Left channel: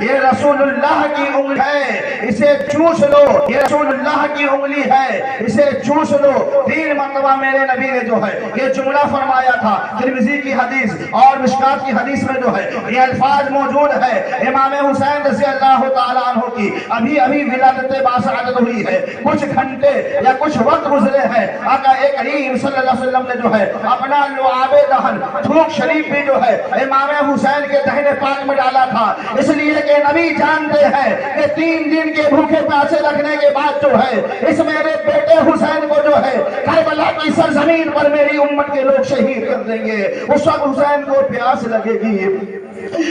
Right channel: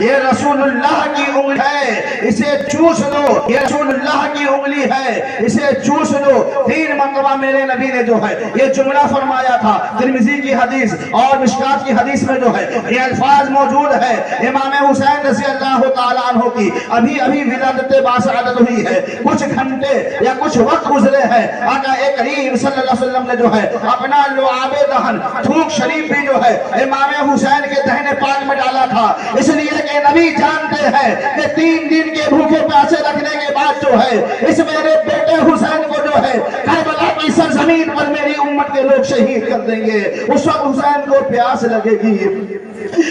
یہ رسول اللہ کی انگلی ہے اسے چوس لو، یہ رسول اللہ کی انگلی ہے اسے چوس لو۔ 3 مرتبہ میرے نبی نے جو ہے یہ جملہ فرمایا تھا۔ ترمذی کی حدیث اور مشکات کی حدیث میں جو ہے یہ الفاظ موجود ہے۔ امام حسین رضی اللہ تعالیٰ عنہ کی ابھی ولادت باسعادت ہوئی ہے، کچھ گھنٹے یا کچھ وقت گزرے ہیں، آقا کریم صلی اللہ علیہ وسلم نے جو ہے اپنا لعاب دہن تھوک شریف بھی جو ہے امام حسین کے دہنے پاک میں ڈالا تھا، اس لیے کہ نبی جانتے ہیں کہ 3 دن کے بھوکے پیاسے رکھنے کے بعد جو ہے اس میرے بیٹے حسین کو جو ہے کربلا کی سرزمین پر میری امت کے لوگ شہید کر دیں گے۔ اس وقت حسین کو پیاس لگے گی،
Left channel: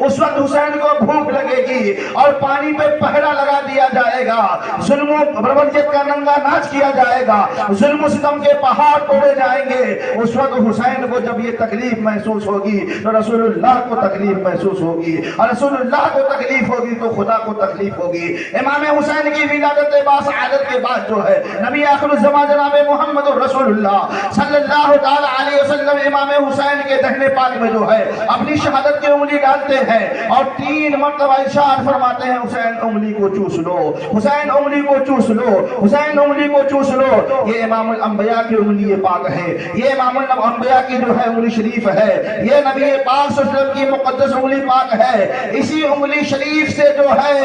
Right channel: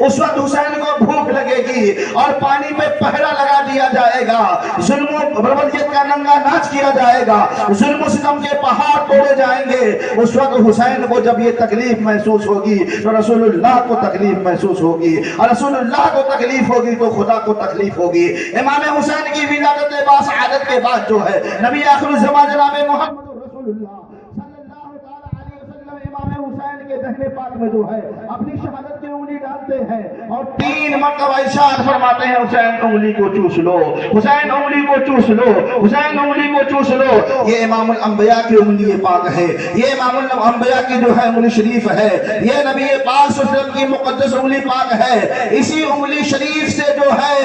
اس وقت حسین کو بھوک لگے گی اور پانی پہ پہرا لگا دیا جائے گا، ظلم و بربریت کا ننگا ناچ کیا جائے گا، ظلم و ستم کے پہاڑ توڑے جائیں گے۔ اس وقت حسین کو جب یہ تکلیف محسوس ہوگی تو رسول اللہ کو تکلیف محسوس ہوگی، اور رسول اللہ کو تکلیف ہوگی تو خدا کو تکلیف ہوگی۔ امام حسین کی ولادت باسعادت کے بعد جو ہے نبی آخر الزمان جناب محمد رسول اللہ صلی اللہ تعالی علیہ وسلم امام حسین کے دہنے پاک میں جو ہے اپنی شہادت کی انگلی ڈالتے ہیں اور 3 مرتبہ ارشاد فرماتے ہیں حسین انگلی کو چوس لو، حسین انگلی کو چوس لو، حسین انگلی کو چوس لو۔ یہ امام الانبیاء کی انگلی پاک ہے، یہ امام الانبیاء کی جو ہے انگلی شریف ہے، یہ نبی پاک صلی اللہ علیہ وسلم کی مقدس انگلی پاک ہے۔ اسی انگلی شریف سے جو ہے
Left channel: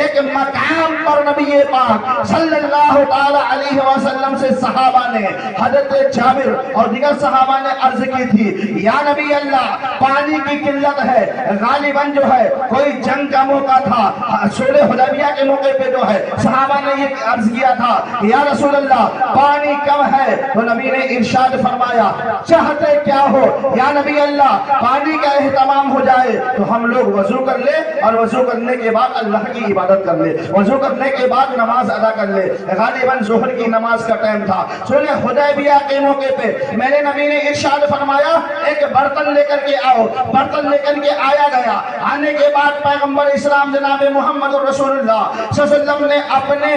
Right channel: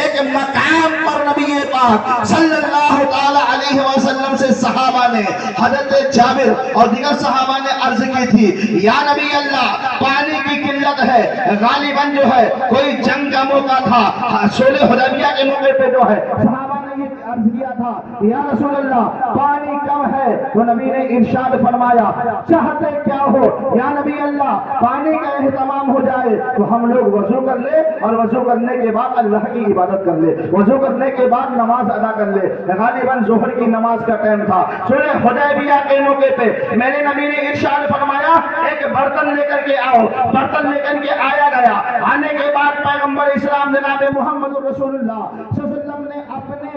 ایک مقام پر نبی پاک صلی اللہ تعالی علیہ وسلم سے صحابہ نے، حضرت جابر اور دیگر صحابہ نے عرض کی تھی یا نبی اللہ پانی کی قلت ہے، غالباً جو ہے کوئی جنگ کا موقع تھا، صلح حدیبیہ کے موقع پہ جو ہے صحابہ نے یہ عرض کیا تھا یا رسول اللہ پانی کم ہے، تو نبی نے ارشاد فرمایا چاہتے کیا ہو یا نبی اللہ پانی کا اہتمام ہو جائے تو ہم لوگ وضو کر لے اور وضو کرنے کے بعد اللہ کی عبادت کر لے، وضو کرنے کے بعد نماز ادا کر لے۔ غالباً ظہر کی نماز کا ٹائم تھا، صلح حدیبیہ کے موقع پہ میرے نبی نے ارشاد فرمایا ایک برتن لے کر کے آؤ، برتن لے کر کے آیا گیا۔ آنے کے بعد پیغمبر اسلام جناب محمد رسول اللہ صلی اللہ علیہ وسلم نے اپنے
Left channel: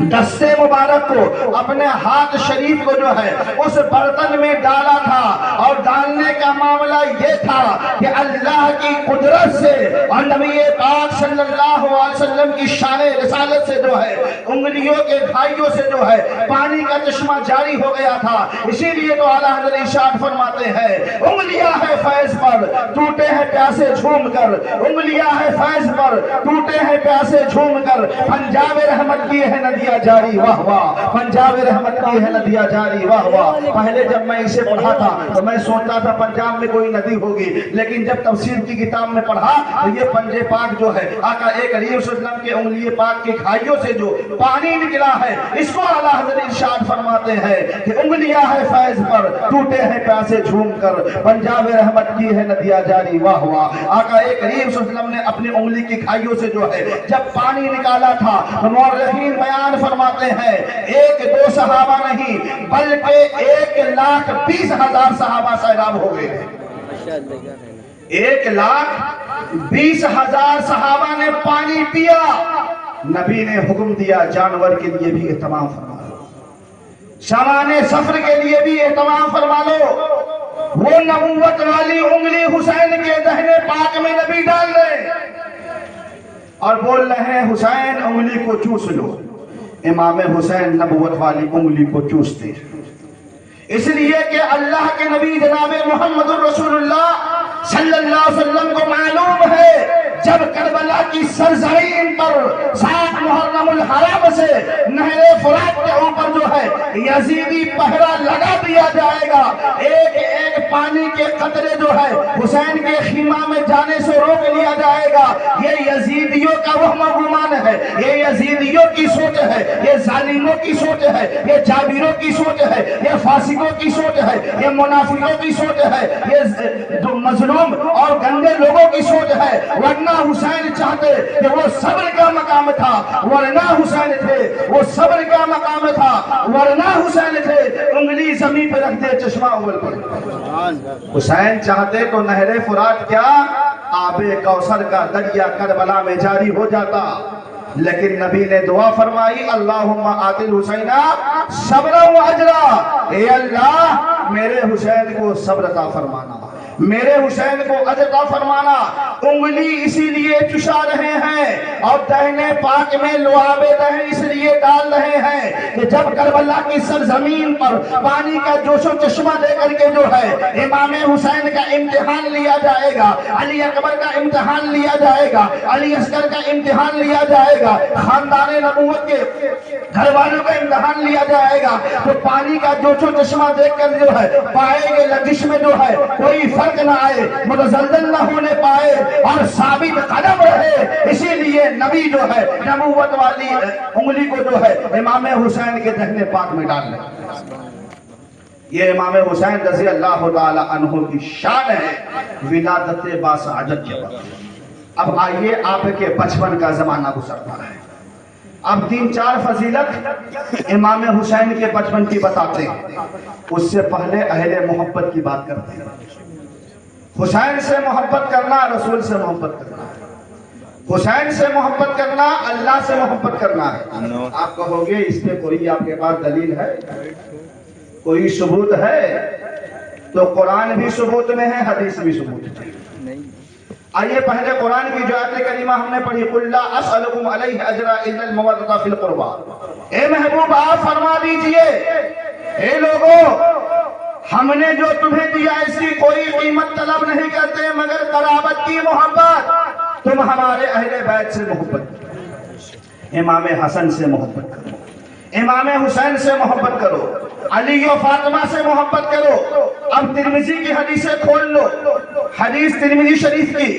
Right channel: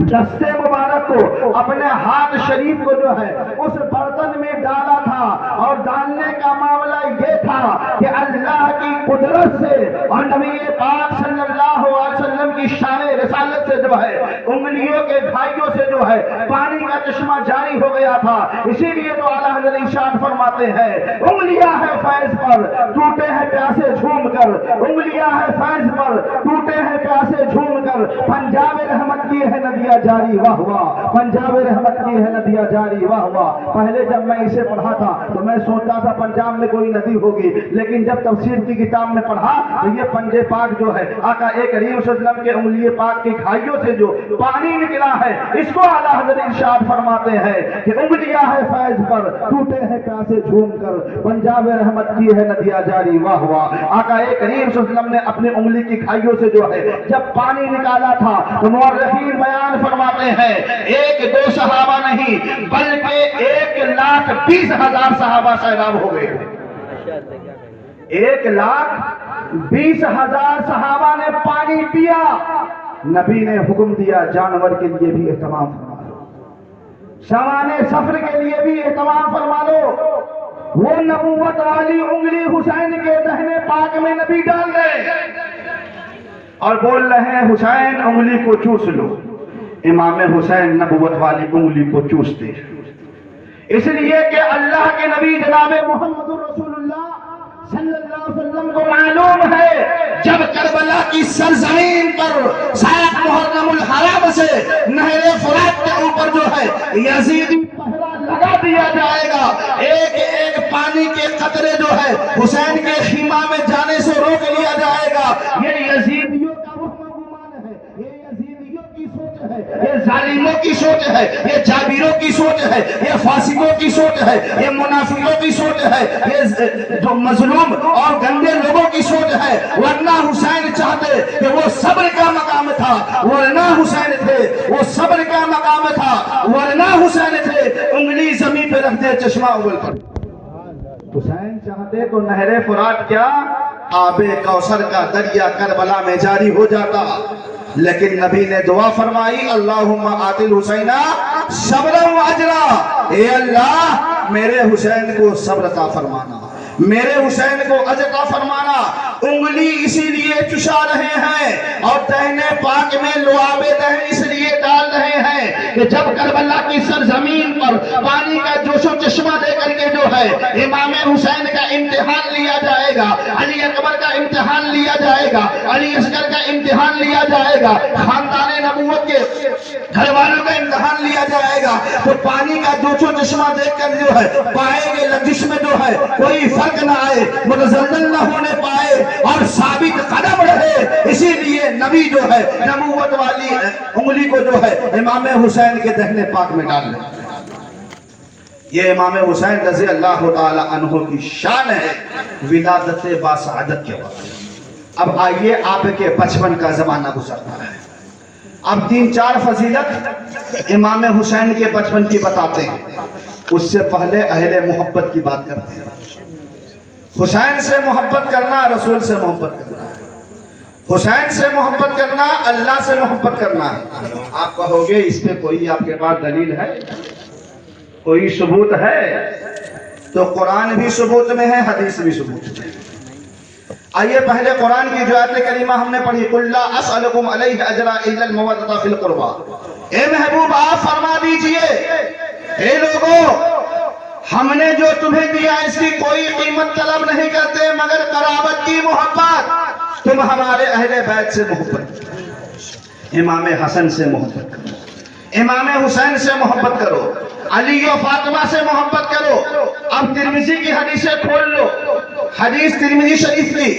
دستے مبارک کو، اپنے ہاتھ شریف کو جو ہے اس برتن میں ڈالا تھا، اور ڈالنے کا معاملہ یہ تھا کہ اللہ کی قدرت سے اور نبی پاک صلی اللہ علیہ وسلم کی شان رسالت سے جو ہے انگلیوں کے گھائیوں سے جو ہے پانی کا چشمہ جاری ہو گیا تھا۔ اسی لیے تو اعلیٰ حضرت ارشاد فرماتے ہیں انگلیاں ہے فیض پر ٹوٹے ہیں پیاسے جھوم کر، انگلیاں ہے فیض پر ٹوٹے ہیں پیاسے جھوم کر، پنجاب رحمت کی ہے ندیاں جاری واہ واہ، پنجاب رحمت کی ہے ندیاں جاری واہ واہ۔ پہلے جب میں اسے پڑھا تھا تو میں سوچتا تھا پنجاب میں کوئی ندی ہوگی، لیکن جب تفسیر کی کتاب میں پڑھا تو یہ پنجے پاک جو ہے آقا کریم صلی اللہ علیہ وسلم کے انگلی پاک کی کھائیوں سے جو پانی نکلا ہے اس کو اعلیٰ حضرت ارشاد فرماتے ہیں کہ انگلیاں ہے فیض پر ٹوٹے ہیں پیاسے جھوم کر، پنجاب رحمت کی ہے ندیاں جاری واہ واہ۔ آقا کریم صلی اللہ علیہ وسلم نے اپنی انگلی کی کھائیوں سے جو ہے جب پانی نکالا تھا تو مورخین بیان فرماتے ہیں 1-2 صحابہ نہیں بلکہ 1,20,000 صحابہ سیلاب ہو گئے، 1,20,000 صحابہ نے پانی پیا۔ نبی نے حکم دیا جانور کے لیے بھی اہتمام فرما لو، سامان سفر کے لیے بھی اہتمام فرما لو۔ وہ نبوت والی انگلی حسین کے دہنے پاک میں نبی ڈال رہے اور بول رہے ہیں حسین انگلی کو چوس لو۔ امام حسین نبوت والی انگلی کو چوستے، اس لیے کہ اللہ کے نبی جناب محمد رسول اللہ صلی اللہ علیہ وسلم کو معلوم ہے جب کربلا کی سرزمین پر 7 محرم الحرام سے نہر فرات کے اوپر جو ہے یزیدی پہرا لگا دیا جائے گا، ایک ایک پانی کے قطرے جو ہے حسین کے خیمہ میں جانے سے روک لیا جائے گا۔ یہ یزیدیوں کا وہم و گمان ہے، یہ یزیدیوں کی سوچ ہے، یہ ظالموں کی سوچ ہے، یہ جابروں کی سوچ ہے، یہ فاسقوں کی سوچ ہے، یہ منافقوں کی سوچ ہے، یہ جو مظلوم اور گندے لوگوں کی سوچ ہے۔ ورنہ حسین چاہتے کہ وہ صبر کا مقام تھا، ورنہ حسین تھے وہ صبر کا مقام تھا، ورنہ حسین تھے انگلی زمین پہ رکھ دے چشمہ اول کر۔ حسین چاہتے تو نہر فرات کیا آب کوثر کا دریا کربلا میں جاری ہو جاتا، لیکن نبی نے دعا فرمائی اللہم آت الحسین صبر و اجرا، اے اللہ میرے حسین کو صبر عطا فرمانا، میرے حسین کو اجر عطا فرمانا۔ انگلی اسی لیے چشا رہے ہیں اور دہنے پاک میں لعاب دہن اس لیے ڈال رہے ہیں کہ جب کربلا کی سرزمین پر پانی کا جوش و چشمہ دے کر کے جو ہے امام حسین کا امتحان لیا جائے گا، علی اکبر کا امتحان لیا جائے گا، علی اصغر کا امتحان لیا جائے گا، خاندان نبوت کے گھر والوں کا امتحان لیا جائے گا، تو پانی کا جوش و چشمہ دیکھ کر جو ہے پائیں گے لگش میں جو ہے کوئی فرق نہ آئے، متزلزل نہ ہونے پائے اور ثابت قدم رہے۔ اسی لیے نبی جو ہے نبوت والی انگلی کو جو ہے امام حسین کے دہنے پاک میں ڈال لیں۔ یہ امام حسین رضی اللہ تعالی عنہ کی شان ہے ولادت باسعادت کے وقت۔ اب آئیے آپ کے بچپن کا زمانہ گزرتا ہے، اب 3-4 فضیلت امام حسین کے بچپن کی بتاتے ہیں، اس سے پہلے اہل محبت کی بات کرتے ہیں۔ حسین سے محبت کرنا رسول سے محبت کرنا ہے، حسین سے محبت کرنا اللہ سے محبت کرنا ہے۔ آپ کہو گے اس پہ کوئی آپ کے پاس دلیل ہے، کوئی ثبوت ہے؟ تو قرآن بھی ثبوت میں ہے، حدیث بھی ثبوت میں ہے۔ آئیے پہلے قرآن کی جو آیت کریمہ ہم نے پڑھی، قُلْ لَا أَسْأَلُكُمْ عَلَيْهِ أَجْرًا إِلَّا الْمَوَدَّةَ فِي الْقُرْبَى۔ اے محبوب آپ فرما دیجئے، اے لوگو ہم نے جو تمہیں دیا اس کی کوئی قیمت طلب نہیں کرتے مگر قرابت کی محبت۔ تم ہمارے اہل بیت سے محبت کرو، امام حسن سے محبت کرو، امام حسین سے محبت کرو، علی و فاطمہ سے محبت کرو۔ اب ترمذی کی حدیثیں کھول لو، حدیث ترمذی شریف کی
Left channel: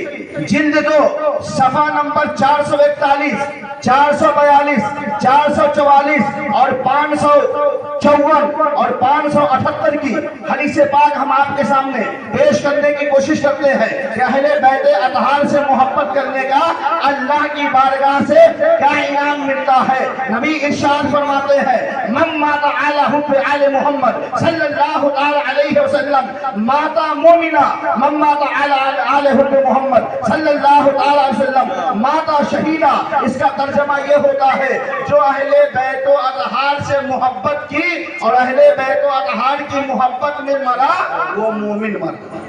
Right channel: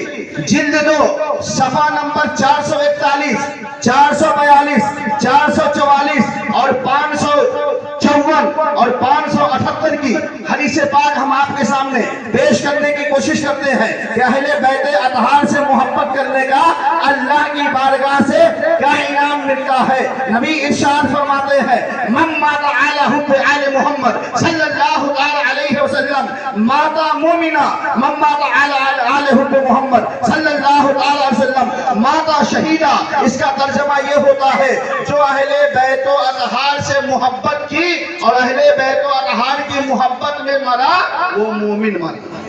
جلد 2 صفحہ نمبر 441، 442، 444 اور 554 اور 578 کی حدیث پاک ہم آپ کے سامنے پیش کرنے کی کوشش کرتے ہیں کہ اہل بیت اطہار سے محبت کرنے کا اللہ کی بارگاہ سے کیا انعام ملتا ہے۔ نبی ارشاد فرماتے ہیں من مات علی حب آل محمد صلی اللہ علیہ وسلم مات مومنا، من مات علی آل حب محمد صلی اللہ علیہ وسلم مات شہیدہ۔ اس کا ترجمہ یہ ہوتا ہے جو اہل بیت و اطہار سے محبت کی اور اہل بیت و اطہار کی محبت میں مرا وہ مومن مرا۔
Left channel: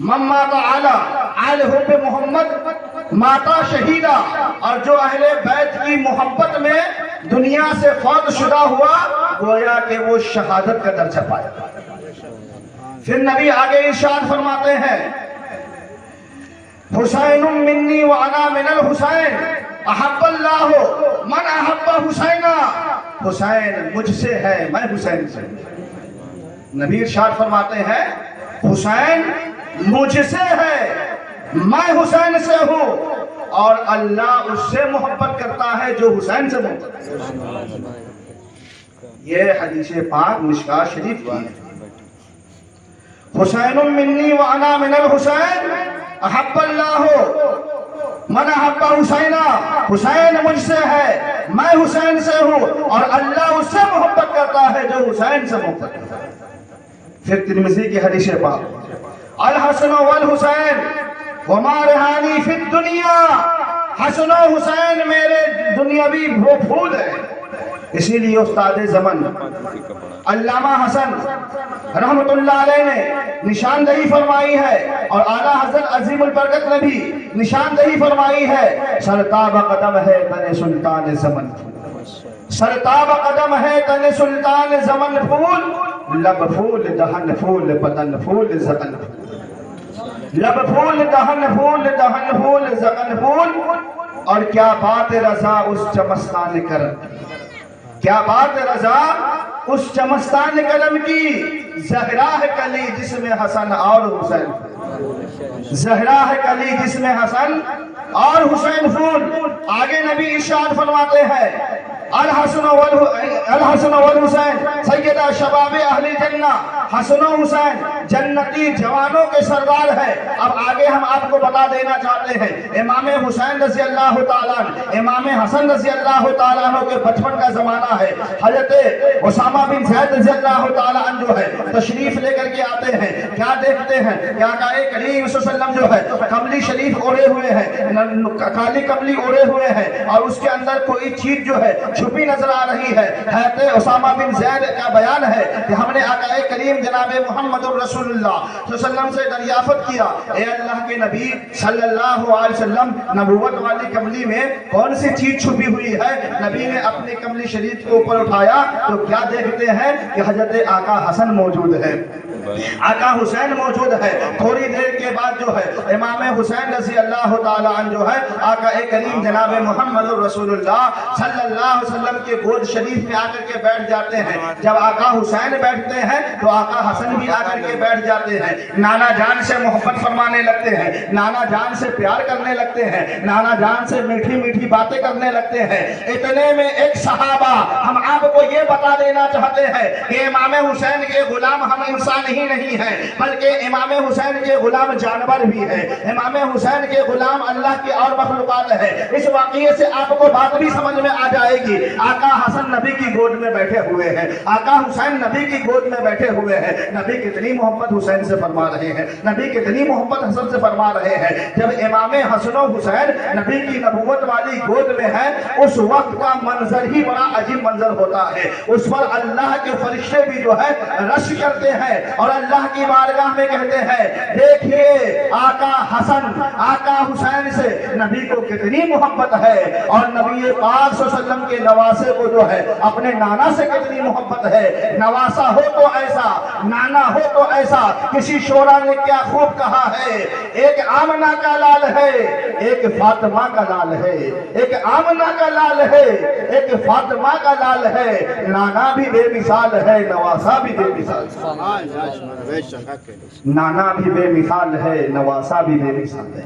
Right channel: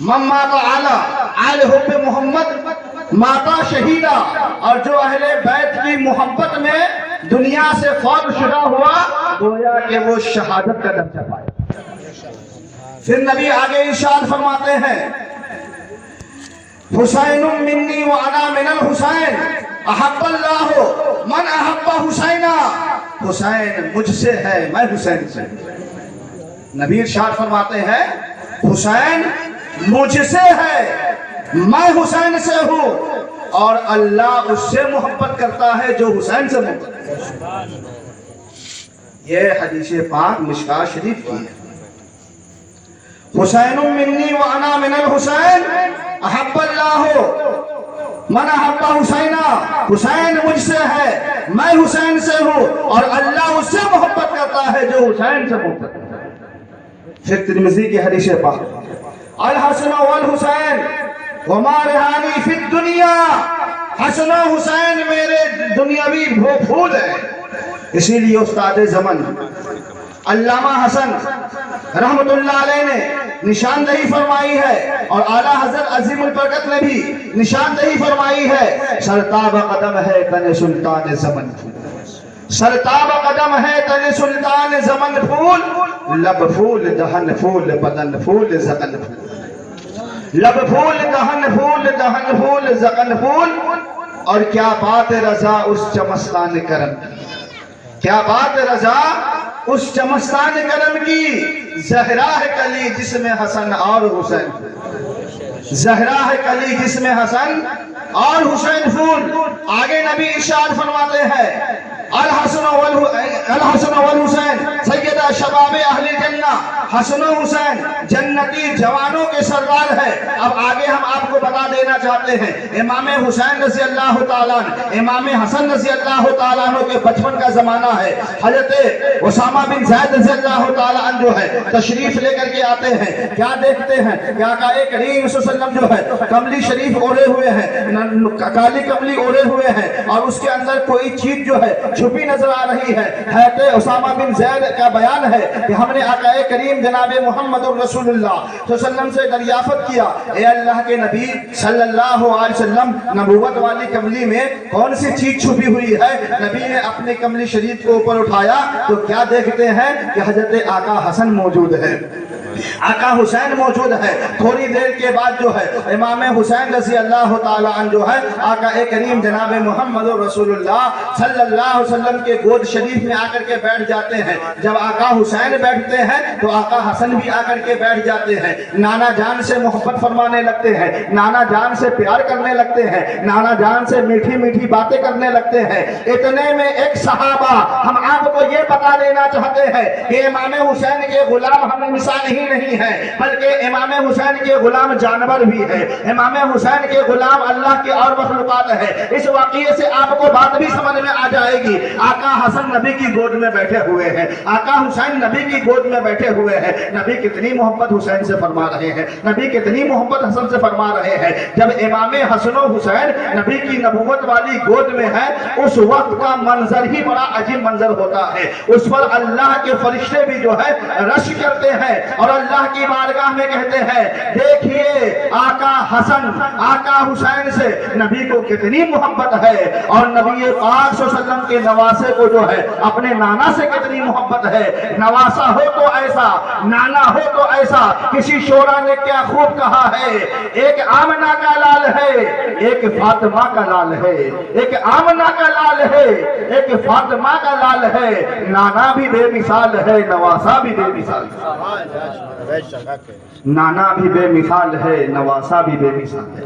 من مات علی آل حب محمد ماتا شہیدہ، اور جو اہل بیت کی محبت میں دنیا سے فوت شدہ ہوا گویا کہ وہ شہادت کا درجہ پایا۔ پھر نبی آگے ارشاد فرماتے ہیں حسین منی وانا من الحسین احب اللہ من احب حسینہ۔ حسین مجھ سے ہے، میں حسین سے۔ نبی ارشاد فرماتے ہیں حسین مجھ سے ہے، میں حسین سے ہوں، اور اللہ اس سے محبت کرتا ہے جو حسین سے محبت کرتا ہے۔ یہ حدیث پاک مشکاۃ شریف کی ہے۔ حسین منی وانا من الحسین احب اللہ من احب حسینہ۔ حسین مجھ سے ہے، میں حسین سے ہوں، اور اللہ اس سے محبت کرتا ہے جو حسین سے محبت کرتا ہے۔ پھر ترمذی کی حدیث پاک الحسن والحسین وما رہانی فی الدنیا۔ حسن و حسین میرے دنیاوی پھول ہیں، اسی لیے استاد زمن علامہ حسن رحمت اللہ علیہ نے نشاندہی فرمائی ہے، اور اعلیٰ حضرت عظیم البرکت نے بھی نشاندہی فرمائی ہے، سرتاب قدم ہے تن سلطان زمن پھول، سرتاب قدم ہے تن سلطان زمن پھول، لب پھول دہن پھول بدن پھول زغن پھول، لب پھول دہن پھول دہن پھول زغن پھول۔ اور کیا بات رضا اس چمستان کرم کی، کیا بات رضا اس چمستان کرم کی، زہرا ہے کلی جس میں حسن اور حسین، زہرا ہے کلی جس میں حسن اور حسین پھول۔ آگے نبی ارشاد فرماتے ہیں الحسن والحسین سیدہ شباب اہل جنہ۔ حسن و حسین جنتی جوانوں کے سردار ہے۔ اب آگے ہم آپ کو بتا دینا چاہتے ہیں امام حسین رضی اللہ تعالیٰ عنہ، امام حسن رضی اللہ تعالیٰ عنہ کے بچپن کا زمانہ ہے۔ حضرت اسامہ بن زید رضی اللہ تعالیٰ عنہ جو ہے تشریف لے کر کے آتے ہیں، کیا دیکھتے ہیں کہ آقا کریم صلی اللہ علیہ وسلم جو ہے کملی شریف اوڑے ہوئے ہیں، کالی کملی اوڑے ہوئے ہیں، اور اس کے اندر کوئی چیز جو ہے چھپی نظر آ رہی ہے۔ حضرت اسامہ بن زید کا بیان ہے کہ ہم نے آقا کریم جناب محمد رسول اللہ صلی اللہ علیہ وسلم سے دریافت کیا، اے اللہ کے نبی صلی اللہ علیہ وسلم، نبوت والی کملی میں کون سی چیز چھپی ہوئی ہے؟ نبی نے اپنے کملی شریف کو اوپر اٹھایا تو کیا دیکھتے ہیں کہ حضرت آقا حسن موجود ہے، آقا حسین موجود ہے۔ تھوڑی دیر کے بعد جو ہے امام حسین رضی اللہ تعالی عنہ جو ہے آقا کریم جناب محمد رسول اللہ صلی اللہ علیہ وسلم کے گود شریف میں آ کر کے بیٹھ جاتے ہیں۔ جب آقا حسین بیٹھتے ہیں تو آقا حسن بھی آ کر کے بیٹھ جاتے ہیں، نانا جان سے محبت فرمانے لگتے ہیں، نانا جان سے پیار کرنے لگتے ہیں، نانا جان سے میٹھی میٹھی باتیں کرنے لگتے ہیں۔ اتنے میں ایک صحابہ ہم آپ کو یہ بتا دینا چاہتے ہیں کہ امام حسین کے غلام ہم انسان ہی نہیں ہے، بلکہ امام حسین کے غلام جانور بھی ہے، امام حسین کے غلام اللہ کی اور مخلوقات ہے۔ اس واقعے سے آپ کو بات بھی سمجھ میں آ جائے گی۔ آقا حسن نبی کی گود میں بیٹھے ہوئے ہیں، آقا حسین نبی کی گود میں بیٹھے ہوئے ہیں۔ نبی کتنی محبت حسین سے فرما رہے ہیں، نبی کتنی محبت حسن سے فرما رہے ہیں۔ جب امام حسن و حسین نبی کی نبوت والی گود میں ہے، اس وقت کا منظر ہی بڑا عجیب منظر ہوتا ہے۔ اس پر اللہ کے فرشتے بھی جو ہے رش کرتے ہیں اور اللہ کی بارگاہ میں کہتے ہیں، دیکھیے آقا حسن آقا حسین سے نبی کو کتنی محبت ہے، اور نبی پاک صلی اللہ علیہ وسلم کے نواسے کو جو ہے اپنے نانا سے کتنی محبت ہے۔ نواسا ہو تو ایسا، نانا ہو تو ایسا۔ کسی شعرا نے کیا خوب کہا ہے، ایک آمنہ کا لال ہے، ایک فاطمہ کا لال ہے، ایک آمنہ کا لال ہے، ایک فاطمہ کا لال ہے۔ نانا بھی بے مثال ہے، نواسا بھی بے مثال ہے، نانا بھی بے مثال ہے، نواسا بھی بے مثال ہے۔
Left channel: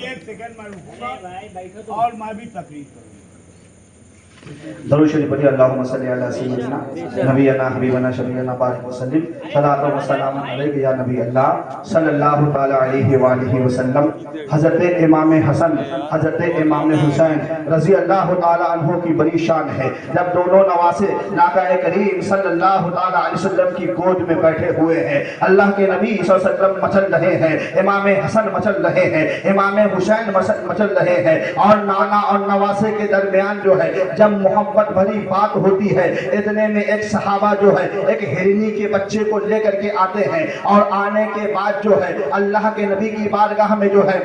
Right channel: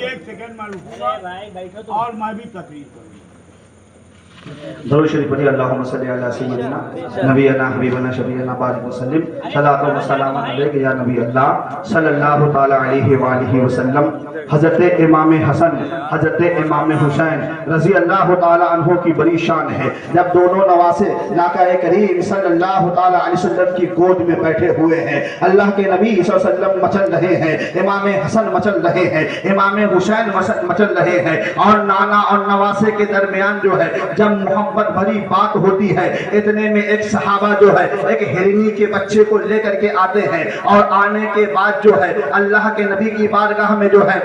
ایک سیکنڈ معلوم اور میں بھی تقریر کروں۔ درود شریف پڑھیے، اللہم صلی علی سیدنا نبینا حبیبنا شفیعنا بارک وسلم، صلاۃ و سلام علیک یا نبی اللہ صلی اللہ تعالی علیہ وآلہ وسلم۔ حضرت امام حسن حضرت امام حسین رضی اللہ تعالی عنہ کی بڑی شان ہے۔ جب دونوں نواسے آقا کریم صلی اللہ تعالی علیہ وسلم کی گود میں بیٹھے ہوئے ہیں، اللہ کے نبی صلی اللہ علیہ وسلم مچل رہے ہیں، امام حسن مچل رہے ہیں، امام حسین مچل رہے ہیں، اور نانا اور نواسے کے درمیان جو ہے جب محبت بھری بات ہوتی ہے، اتنے میں ایک صحابہ جو ہے ایک ہرنی کے بچے کو لے کر کے آتے ہیں، اور آنے کے بعد جو ہے اللہ کے نبی کی بارگاہ میں جو ہے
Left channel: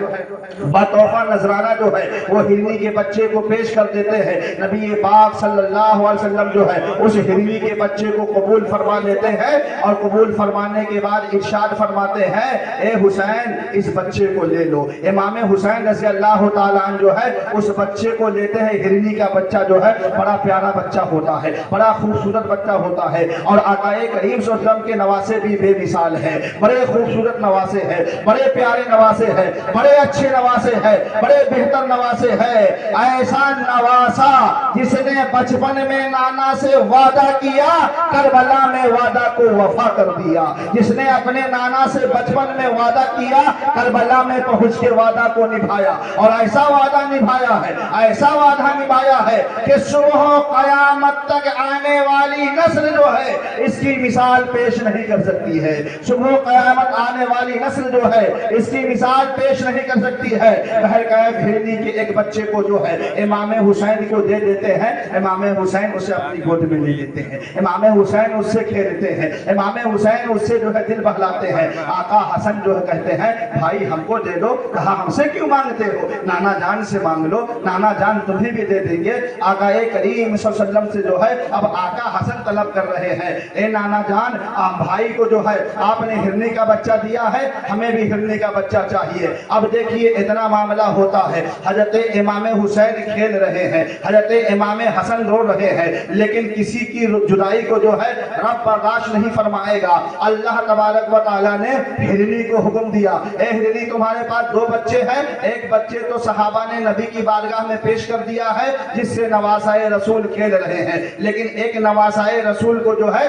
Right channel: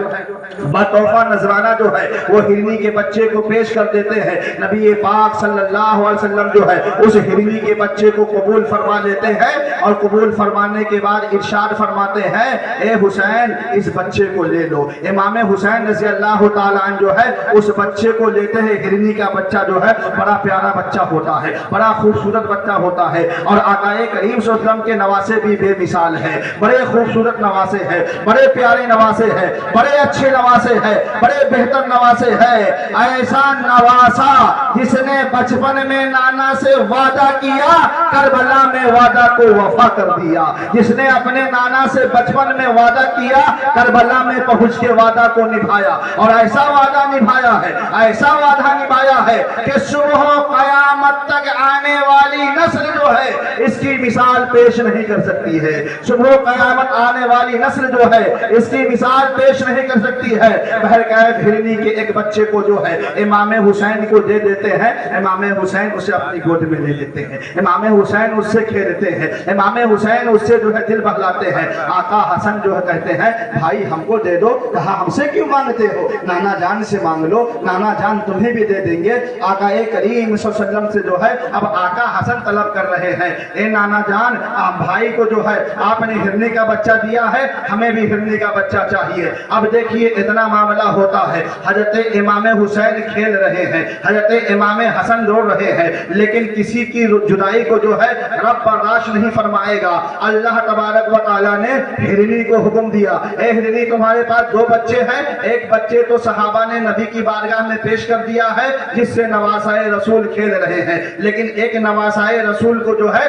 بطوفہ نذرانہ جو ہے وہ ہرنی کے بچے کو پیش کر دیتے ہیں۔ نبی پاک صلی اللہ علیہ وسلم جو ہے اس ہرنی کے بچے کو قبول فرما لیتے ہیں، اور قبول فرمانے کے بعد ارشاد فرماتے ہیں، اے حسین اس بچے کو لے لو۔ امام حسین رضی اللہ تعالیٰ عنہ جو ہے اس بچے کو لیتے ہیں۔ ہرنی کا بچہ جو ہے بڑا پیارا بچہ ہوتا ہے، بڑا خوبصورت بچہ ہوتا ہے، اور آقا کریم صلی اللہ علیہ وسلم کے نواسے بھی بے مثال ہیں، بڑے خوبصورت نواسے ہیں، بڑے پیارے نواسے ہیں، بڑے اچھے نواسے ہیں، بڑے بہتر نواسے ہیں۔ ایسا نواسا جس نے بچپن میں نانا سے وعدہ کیا، کربلا میں وعدہ کو وفا کر دیا۔ جس نے اپنے نانا سے بچپن میں وعدہ کیا، کربلا میں پہنچ کے وعدہ کو نبھایا، اور ایسا وعدہ نبھایا ہے، ایسا وعدہ نبھایا ہے کہ صبح قیامت تک آنے والی نسل جو ہے اس کی مثال پیش نہیں کر سکتی ہے۔ صبح قیامت آنے والی نسل جو ہے اس کی مثال پیش نہیں کر سکتی ہے۔ بہرکیف ہرنی کے ایک بچے کو جو ہے امام حسین کو دے دیتے ہیں، امام حسین اسے اپنی گود میں لے لیتے ہیں، امام حسین اس سے کھیلتے ہیں، امام حسین اس سے جو ہے دل بہلاتے ہیں۔ آقا حسن جو ہے کہتے ہیں، بھائی ہم کو دے دو۔ کہا ہم سے کیوں مانگتے ہو، نانا جان سے مانگ لو، نانا جان تمہیں بھی دے دیں گے۔ آقا کریم صلی اللہ علیہ وسلم سے جو ہے اب آقا حسن طلب کر رہے ہیں، اے نانا جان بھائی کو جو ہے آپ نے ہرنی کا بچہ دیا ہے، ہمیں بھی ہرنی کا بچہ چاہیے۔ اب دیکھیے اتنا معاملہ ہوتا ہے، حضرت امام حسین کھیل رہے ہیں، حضرت امام حسن رو رہے ہیں، لیکن کسی کی جدائی کو جو ہے رب برداشت نہیں فرمائے گا۔ اللہ تبارک و تعالیٰ نے ہرنی کو حکم دیا، اے ہرنی تمہارے پاس دو بچے ہیں، ایک بچے تو صحابہ نے نبی کی بارگاہ میں پیش کر دیا ہے جس سے نواسائے رسول کھیل رہے ہیں، لیکن ایک نواسائے رسول کو جو ہے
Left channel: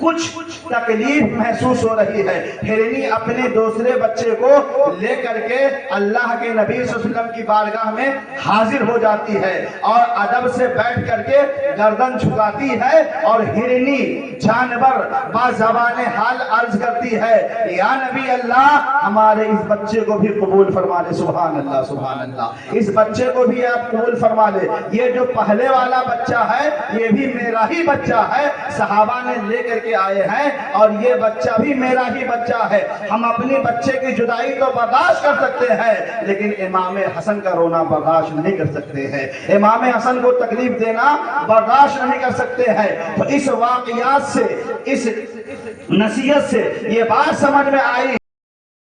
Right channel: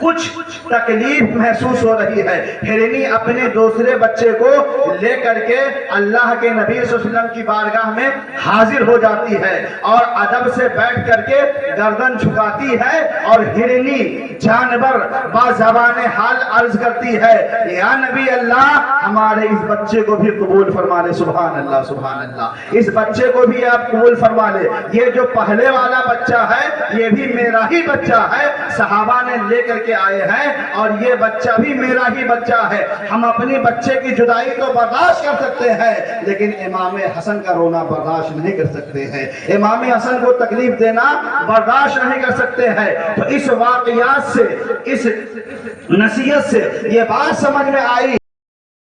کچھ تکلیف محسوس ہو رہی ہے. ہرنی اپنے دوسرے بچے کو لے کر کے اللہ کے نبی صلی اللہ علیہ وسلم کی بارگاہ میں حاضر ہو جاتی ہے اور ادب سے بیٹھ کر کے گردن جھکاتی ہے اور ہرنی جانور با زبان حال عرض کرتی ہے یا نبی اللہ ہمارے اس بچے کو بھی قبول فرما لے. سبحان اللہ سبحان اللہ. اس بچے کو بھی آپ قبول فرما لے. یہ جو پہلے والا بچہ ہے یہ بھی میرا ہی بچہ ہے. صحابہ نے لے کر کے آئے ہیں اور یہ بچہ بھی میرا ہی بچہ ہے. ہم اپنی بچے کی جدائی تو برداشت کر سکتے ہیں لیکن امام حسن کا رونا برداشت نہیں کر سکتے ہیں. امام حسن کو تکلیف دینا برداشت نہیں کر سکتے ہیں. تو اس واقعات سے اس نصیحت سے یہ بات سمجھ میں آئی